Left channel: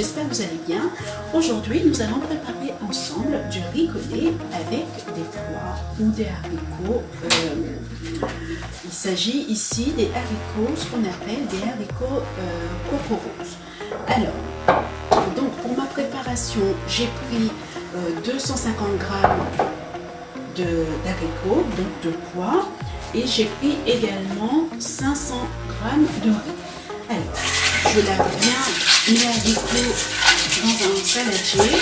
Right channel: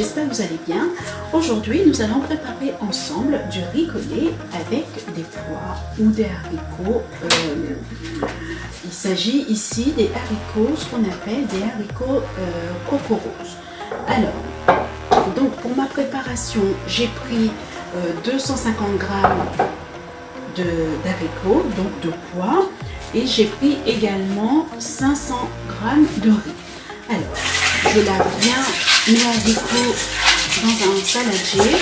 j'espère que vous allez bien. Aujourd'hui, nous allons préparer ensemble du riz collé avec des pois ou des haricots. Il s'agit ici des haricots, ce qu'on appelle des haricots coco rose. Alors, donc pour ma préparation, j'ai pris 250 g d'haricots, donc de pois, et j'ai pris également 500 g de riz. Alors, je lave bien mes haricots dans un saladier.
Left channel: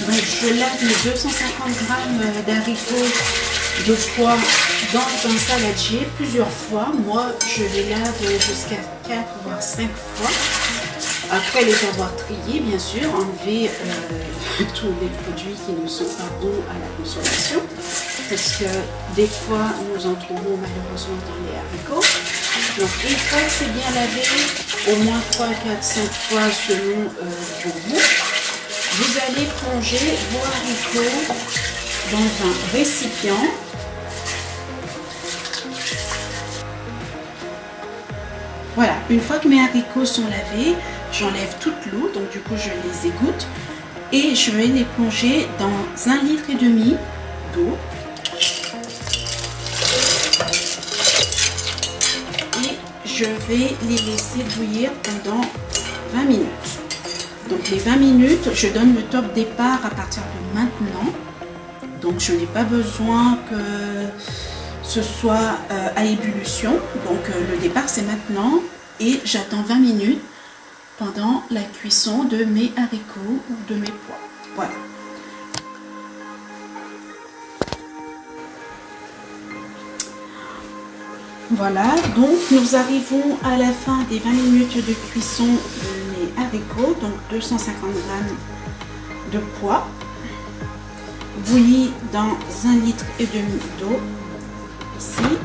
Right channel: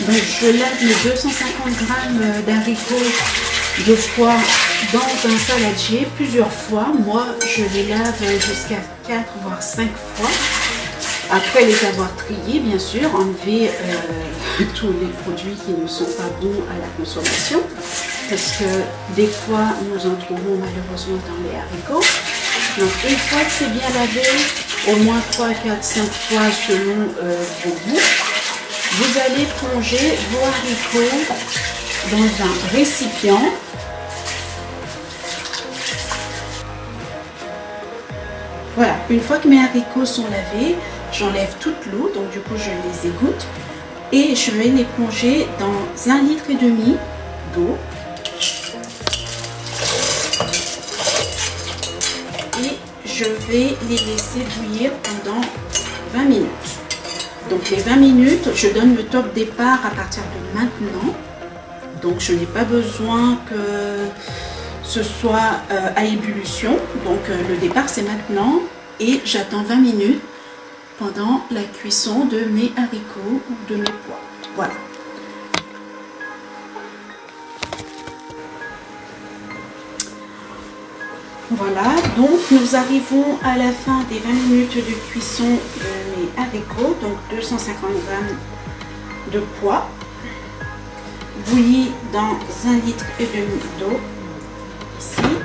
Donc, je lave les 250 g d'haricots de pois dans un saladier plusieurs fois. Moi, je les lave jusqu'à 4 voire 5 fois. Après les avoir triés, bien sûr, enlever tous les produits qui ne sont pas bons à la consommation, parce que des fois, nous en trouvons malheureusement dans les haricots. Donc, une fois que c'est bien lavé, au moins 3, 4, 5 fois selon vos goûts, vous allez plonger vos haricots dans un récipient. Voilà, une fois que mes haricots sont lavés, j'enlève toute l'eau, donc du coup je les égoutte et je vais les plonger dans 1,5 litre d'eau. Et je vais les laisser bouillir pendant 20 minutes. Donc les 20 minutes, je donne le top départ à partir de maintenant. Donc je n'ai pas besoin que ce soit à ébullition. Donc le départ c'est maintenant et j'attends 20 minutes pendant la cuisson de mes haricots ou de mes pois. Voilà. Voilà, donc nous arrivons à la fin des 20 minutes de cuisson de mes haricots, donc 250 g de pois, bouillis dans 1,5 litre d'eau. Ici,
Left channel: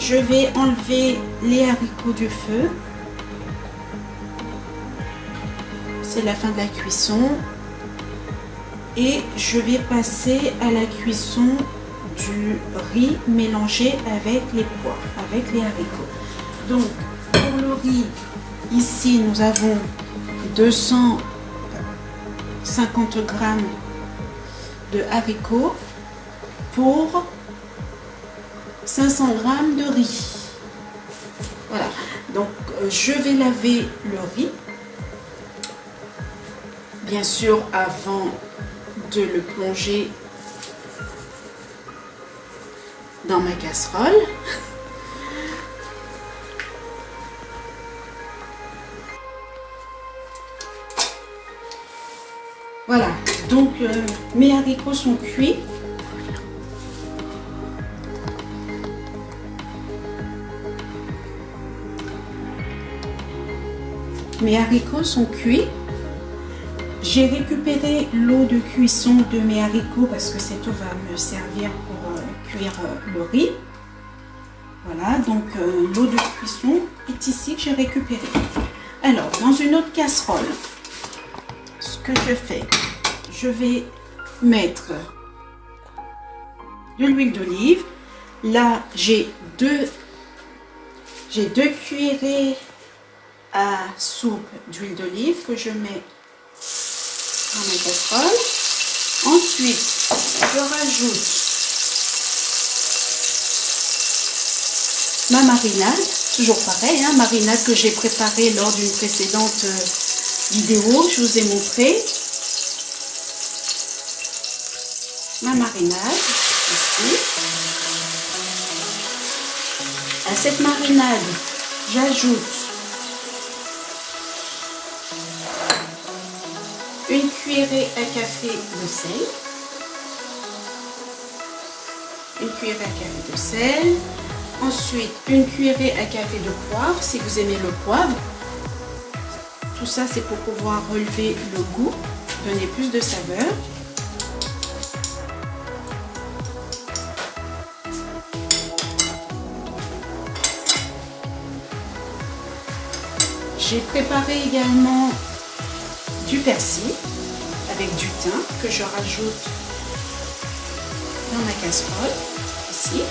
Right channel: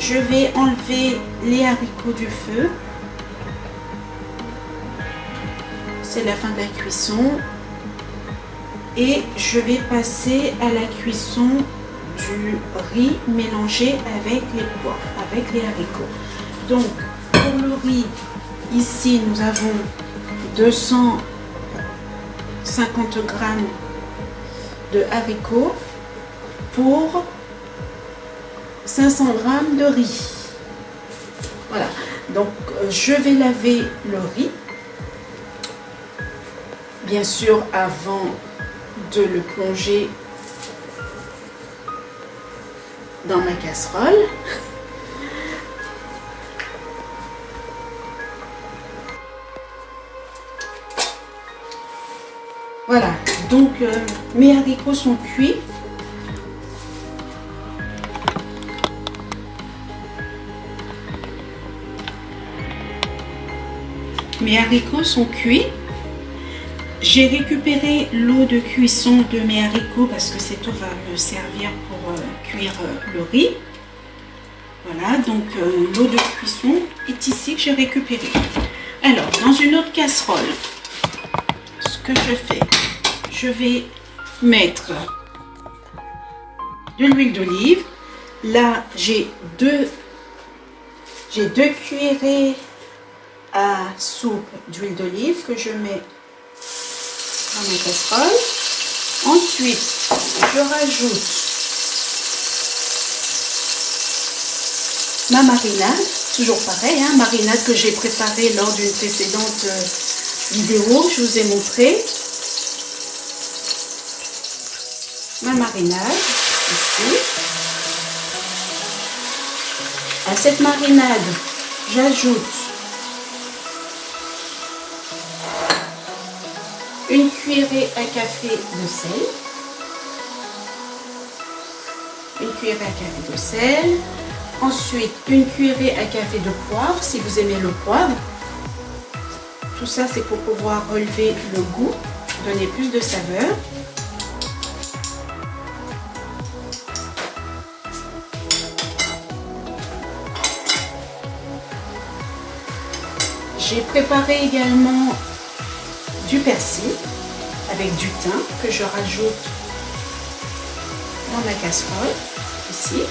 je vais enlever les haricots du feu. C'est la fin de la cuisson et je vais passer à la cuisson du riz mélangé avec les pois, avec les haricots. Donc pour le riz, ici nous avons 250 g de haricots pour 500 g de riz. Voilà, donc je vais laver le riz. Bien sûr, avant de le plonger dans ma casserole. Voilà, donc mes haricots sont cuits. Mes haricots sont cuits. J'ai récupéré l'eau de cuisson de mes haricots parce que cette eau va me servir pour cuire le riz. Voilà, donc l'eau de cuisson est ici que j'ai récupérée. Alors, dans une autre casserole, ce que je fais, je vais mettre de l'huile d'olive. Là, j'ai deux cuillerées à soupe d'huile d'olive que je mets dans mes casseroles. Ensuite, je rajoute ma marinade, toujours pareil, hein, marinade que j'ai préparée lors d'une précédente vidéo, je vous ai montré. Ma marinade, ici. À cette marinade, j'ajoute une cuillerée à café de sel, une cuillerée à café de sel, ensuite une cuillerée à café de poivre si vous aimez le poivre. Tout ça c'est pour pouvoir relever le goût, donner plus de saveur. J'ai préparé également du persil avec du thym que je rajoute dans ma casserole, ici.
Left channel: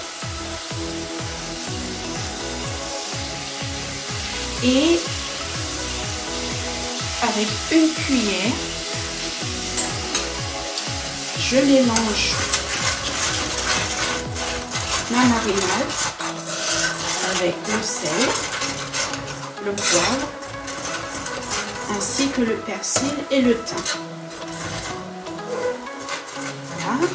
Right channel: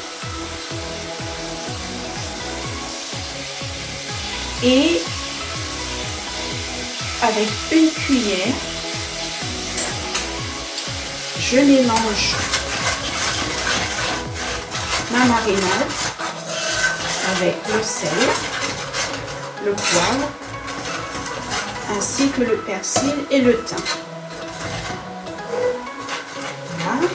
Et avec une cuillère, je mélange ma marinade avec le sel, le poivre, ainsi que le persil et le thym. Voilà.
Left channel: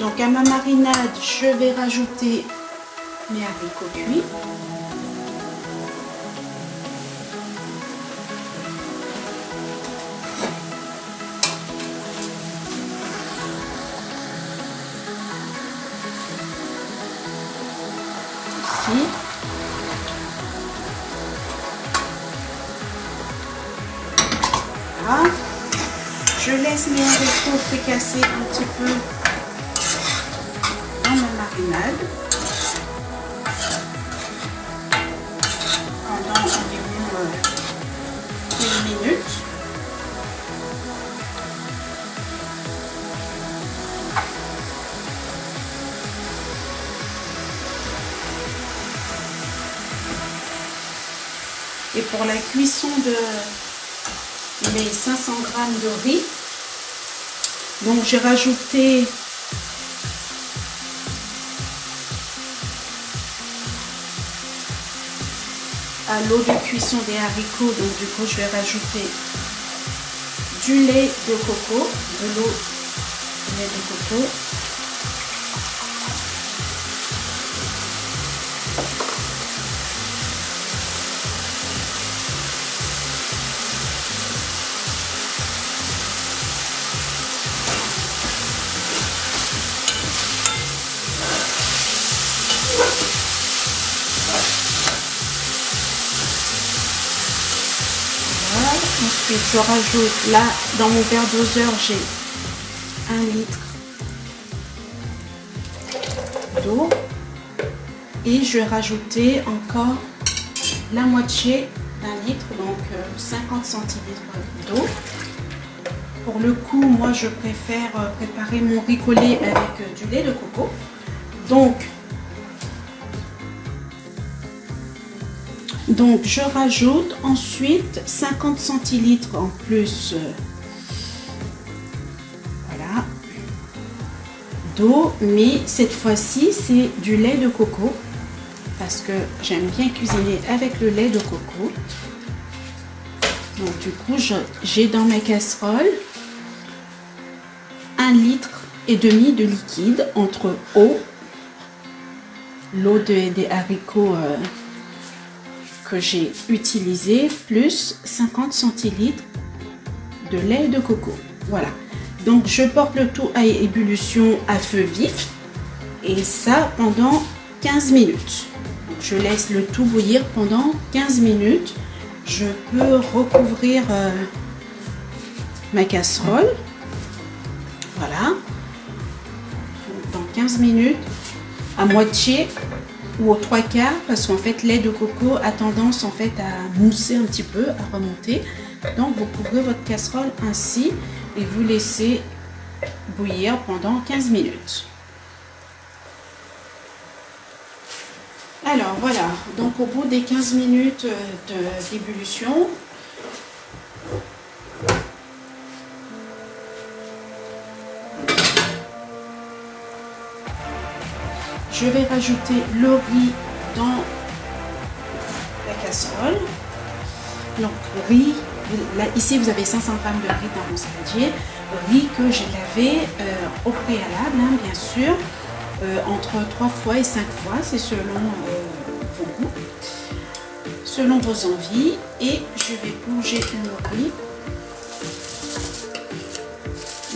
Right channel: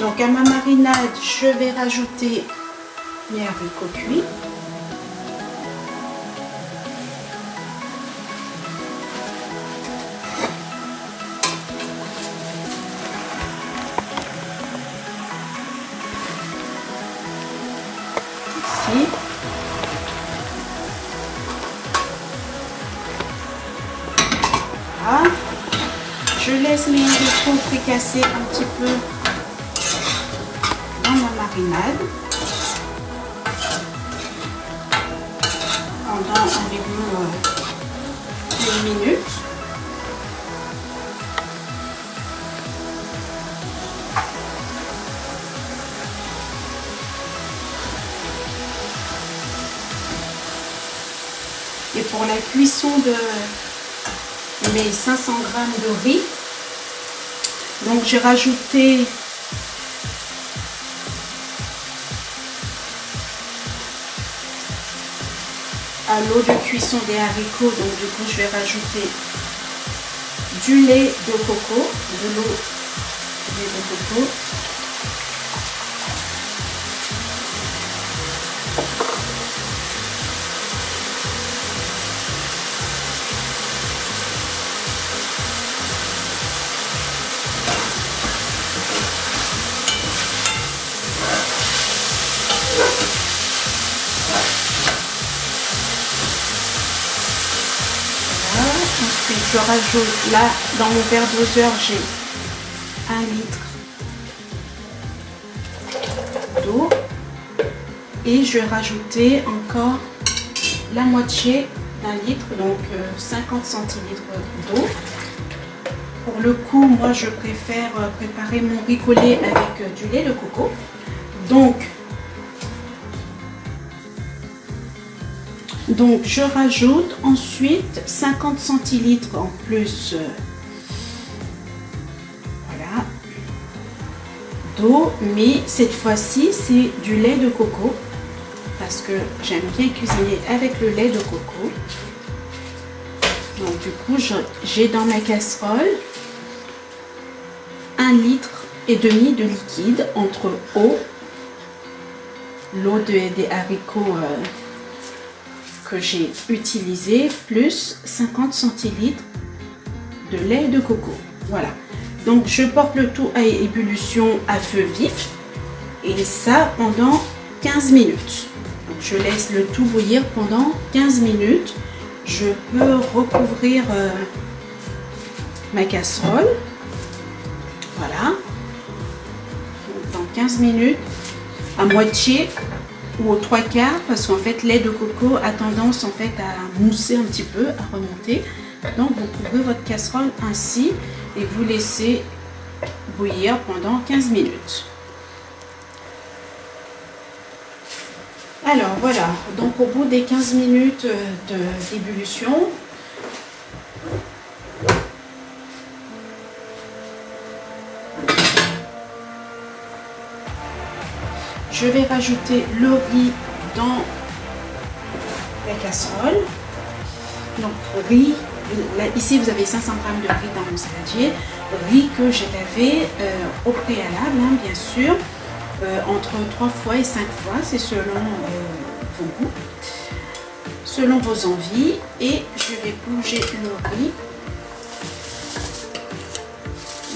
Donc à ma marinade, je vais rajouter mes haricots cuits. Ici. Voilà. Je laisse mes haricots fricasser un petit peu dans ma marinade pendant environ 1 minute. Et pour la cuisson de mes 500 g de riz, donc j'ai rajouté à l'eau de cuisson des haricots, donc du coup je vais rajouter du lait de coco, de l'eau de lait de coco. Ensuite, je rajoute là dans mon verre doseur, j'ai 1 litre d'eau et je vais rajouter encore la moitié d'1 litre, donc 50 centilitres d'eau. Pour le coup, moi je préfère préparer mon riz collé avec du lait de coco. Donc je rajoute ensuite 50 centilitres en plus voilà, d'eau, mais cette fois-ci c'est du lait de coco parce que j'aime bien cuisiner avec le lait de coco. Donc du coup j'ai dans ma casserole 1,5 litre de liquide entre l'eau des haricots que j'ai utilisé plus 50 centilitres de lait de coco. Voilà, donc je porte le tout à ébullition à feu vif et ça pendant 15 minutes. Donc je laisse le tout bouillir pendant 15 minutes. Je peux recouvrir ma casserole. Voilà, donc dans 15 minutes à moitié ou aux 3/4 parce qu'en fait lait de coco a tendance en fait à mousser un petit peu, à remonter. Donc vous couvrez votre casserole ainsi et vous laissez bouillir pendant 15 minutes. Alors voilà, donc au bout des 15 minutes d'ébullition, je vais rajouter le riz dans la casserole. Donc riz, là, ici vous avez 500 g de riz dans mon saladier. Riz que j'ai lavé au préalable, hein, bien sûr, entre 3 fois et 5 fois, c'est selon vos goûts, selon vos envies. Et je vais plonger le riz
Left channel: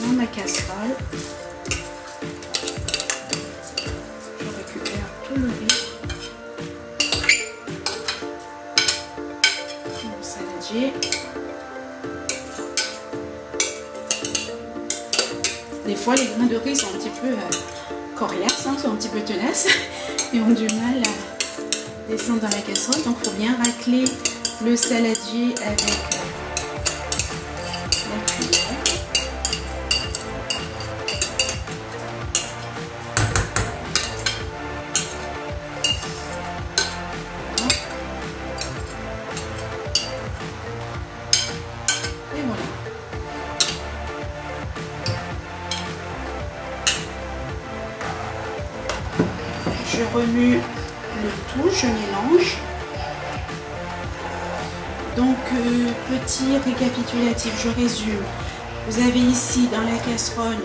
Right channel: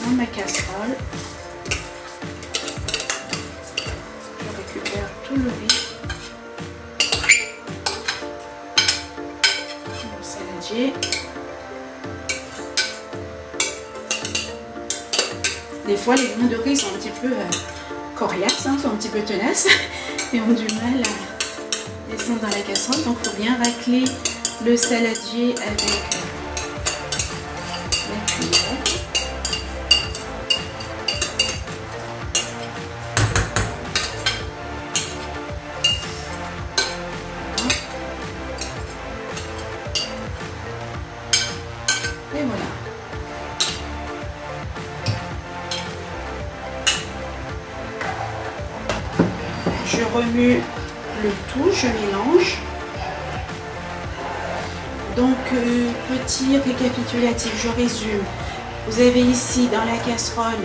dans ma casserole. Tout le riz, le saladier. Des fois les grains de riz sont un petit peu coriaces, hein, sont un petit peu tenaces et ont du mal à descendre dans la casserole, donc il faut bien racler le saladier avec la remue le tout, je mélange. Donc, petit récapitulatif, je résume. Vous avez ici dans la casserole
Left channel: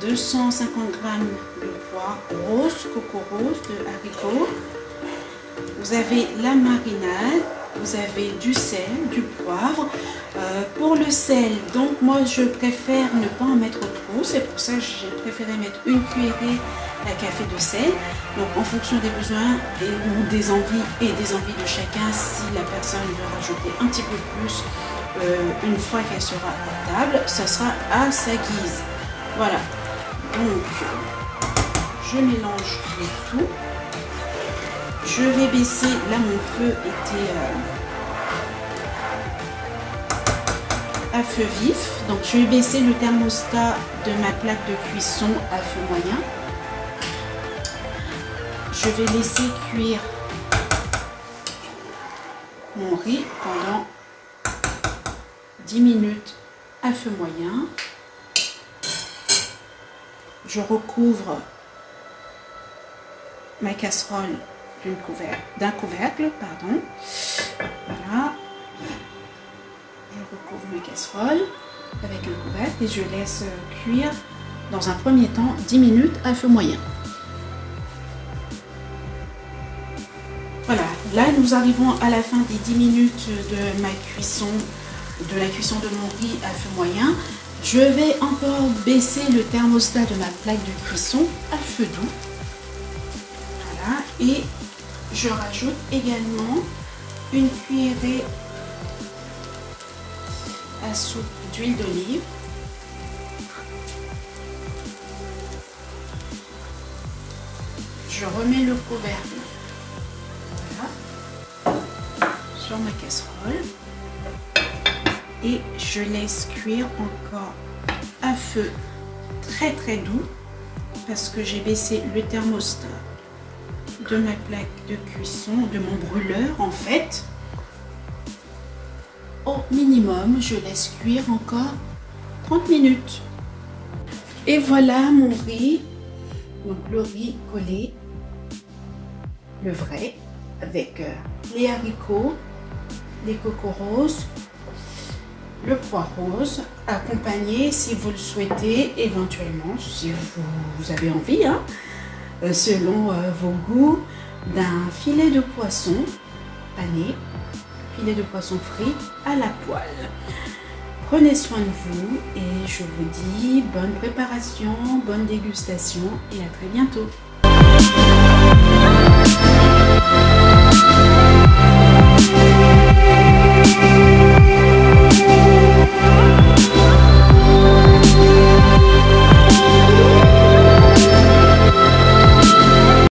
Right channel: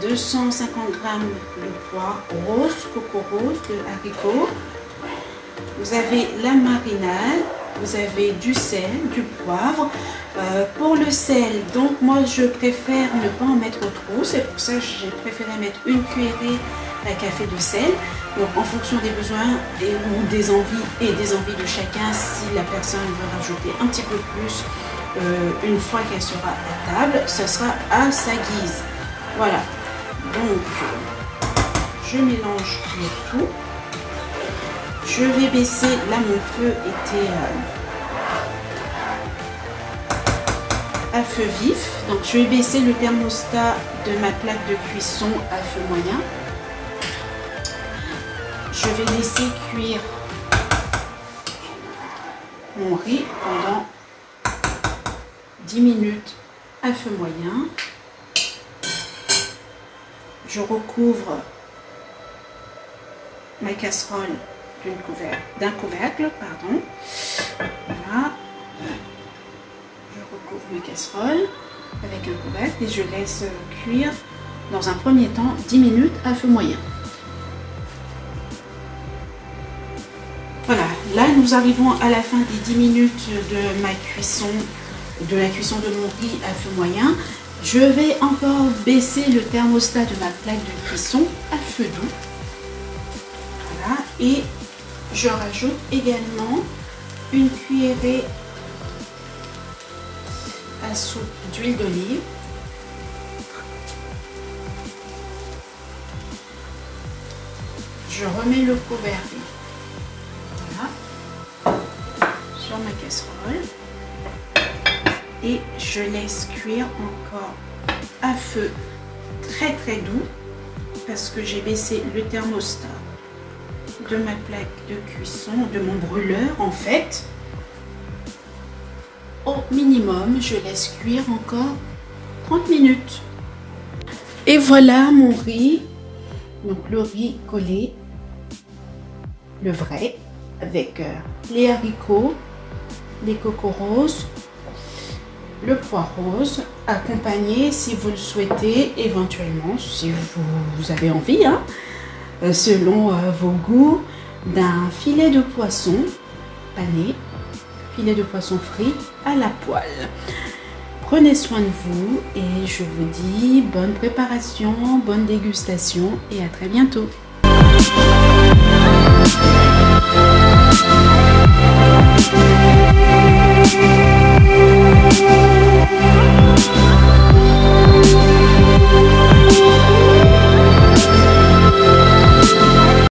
250 g de pois rose, coco rose, de haricots. Vous avez la marinade, vous avez du sel, du poivre. Pour le sel, donc moi je préfère ne pas en mettre trop, c'est pour ça que j'ai préféré mettre une cuillerée à café de sel. Donc en fonction des besoins, des envies et des envies de chacun, si la personne veut rajouter un petit peu plus une fois qu'elle sera à table, ce sera à sa guise. Voilà, donc je mélange le tout. Je vais baisser, là mon feu était à feu vif, donc je vais baisser le thermostat de ma plaque de cuisson à feu moyen. Je vais laisser cuire mon riz pendant 10 minutes à feu moyen. Je recouvre ma casserole d'un couvercle, pardon. Voilà. Je recouvre ma casserole avec un couvercle et je laisse cuire dans un premier temps 10 minutes à feu moyen. Voilà, là nous arrivons à la fin des 10 minutes de ma cuisson, de la cuisson de mon riz à feu moyen. Je vais encore baisser le thermostat de ma plaque de cuisson à feu doux. Voilà, et je rajoute également une cuillerée à soupe d'huile d'olive. Je remets le couvercle sur ma casserole et je laisse cuire encore à feu très doux parce que j'ai baissé le thermostat de ma plaque de cuisson, de mon brûleur en fait. Au minimum, je laisse cuire encore 30 minutes. Et voilà mon riz, donc le riz collé, le vrai, avec les haricots, les cocos roses, le pois rose, accompagné si vous le souhaitez, éventuellement, si vous avez envie, hein, selon vos goûts, d'un filet de poisson pané, filet de poisson frit à la poêle. Prenez soin de vous et je vous dis bonne préparation, bonne dégustation et à très bientôt.